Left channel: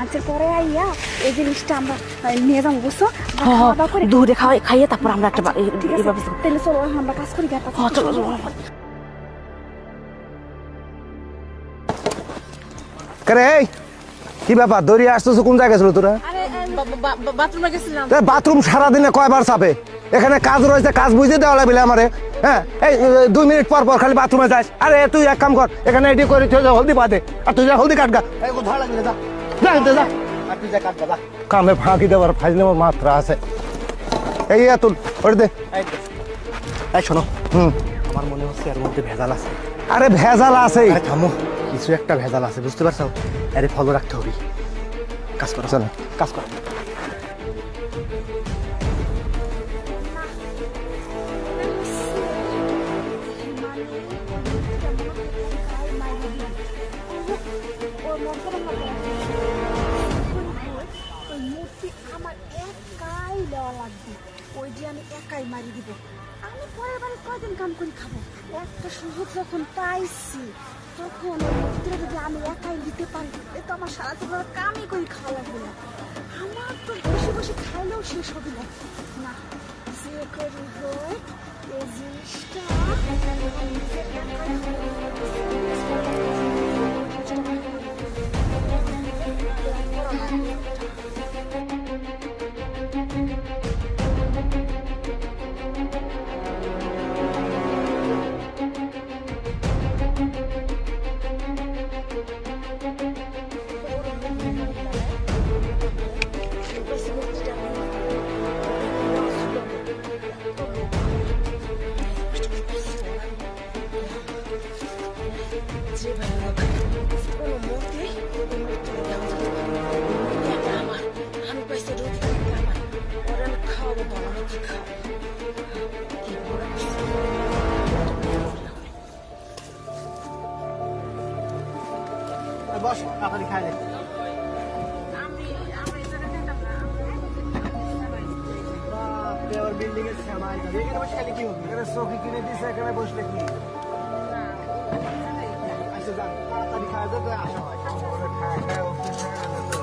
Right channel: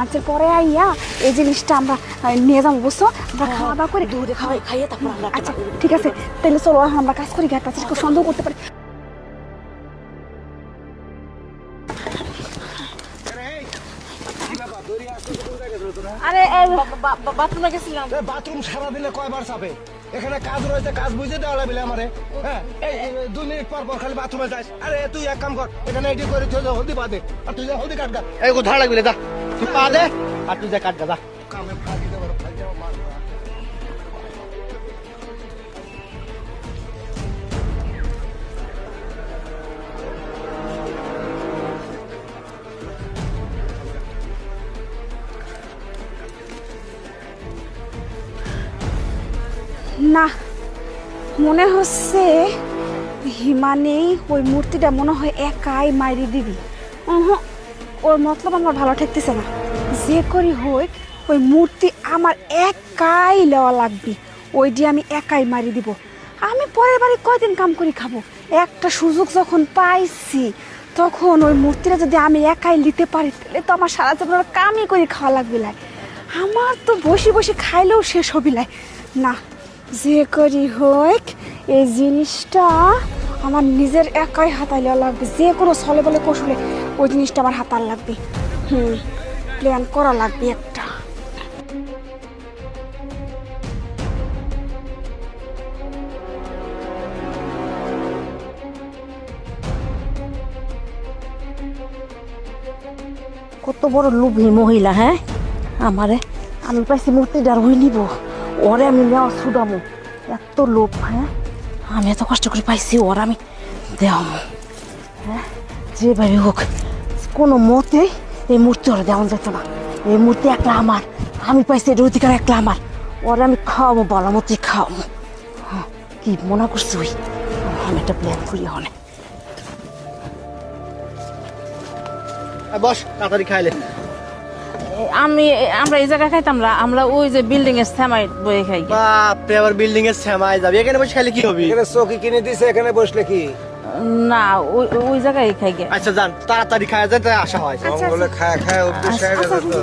আজকের পরে আইয়া এই জিনিসটা আমরা নিয়ে যাবো, বুঝছো? খাওয়া দাওয়া করে দুধে খাইয়ে তারপর আমরা একটা ঠিক আছে, তাহলে চলো আমরা কাজ করি, একটা সন্দেহ করতে পারি। এই কি ব্যাপার দৌড়িয়ে আসতেছো? কোন জায়গায় ছিল তোরা? আরে বাথরুমে গেছিলাম। বাথরুম সারাদিনে কয়বার চাপে? এখানে কাজ রয়েছে, কাজ বুঝে দেওয়া লাগবে আমারে। হ্যাঁ, এই 2 মিনিট পর পর খালি বাথরুমে যাস। আরে তুই এক কাম কর, এখানে এটি করে হলদি পাতে, আর তুই যা হলদি কাটগা। এই ধরা লাগবে, যা আর তুই যা কাটগা, যা। কামে ফাঁকি দেওয়ার ফাইজলে মাত্রা আছে। এই তুই ওটা দে। এই শোনো, আমার মনে হচ্ছে এর মধ্যে ভেজাল আছে। আরে ভেজাল আছে, থামো, কিছু একটা ভেজাল আছে, বুঝতে পারছো? আরে ফলো রাখতে হবে। কাজ করো, চলো কাজ করো। না, মনে হচ্ছে হিমানি ওই মূর্তিটা মনে হয় একাই মাইরে দিবি। ওর মতলব আমার ভালো ঠেকতেছে না। যে করি হই ওই মূর্তি আমার একাই নেওয়া লাগবে, ওই দিয়ে আমি একাই মারি দিব। আমি পরের বাড়ি কয়দিন কাম করে খাবো? একটা সুযোগ যখন পাইছি তখন ওই মূর্তিটা যদি আমি একাই নিতে পারি তাহলে তো আমার সারা জীবন কামই করে খাওয়া লাগবে। আমার তো বসে বসে খাইলেও শেষ হবি না। যে করি হোক এই জিনিসটা আমার নিজের একাই হাতাইলে লাগবে। যে কোনো ছলে বলে কৌশলে ওই জিনিসটা আমার হাতার লাগবে। প্ল্যান করা লাগবে একটা। কত বড় লোভী মহিলা! হ্যাঁ, আমি পাইছি মূর্তিটার হই নিব, ওরে আমি নেওয়া ছুটামো। এত লোভ! হ্যাঁ, আমি এত কষ্ট করে পাইছি, ওর আমি দেওয়ামো। হ্যাঁ, যেভাবে হোক কোনো মতে এই মূর্তি ওরা দেওয়া যেত না। এই মূর্তি একটা আমার, আমি পাইছি এর অধিকার একটা আমার। ওরে আমি খাওয়াবো, বলা মতো খাওয়াবো। কি মনে করছি ওই আমি একটা প্ল্যান করি। হনে বস, তাড়াতাড়ি খাইলে। আমরা এই জায়গায় খাইতাম না, আমরা ওই যে বিল্ডিং এর সেমাই বয়ে খাই। বাপরে, আবার বিল্ডিং এর সেমাই যাবে? এখানে বসে খাইলে কি হবে? এখানে চৌকি কিনে দিছে, এখানে বসলে কি? না, ওই জায়গায় খাই গে। আচ্ছা যান, তাড়াতাড়ি খাওয়া যায়, তাই আশা হয়। আচ্ছা, বলে খায় অভ্যেস হয়ে গেছে তো।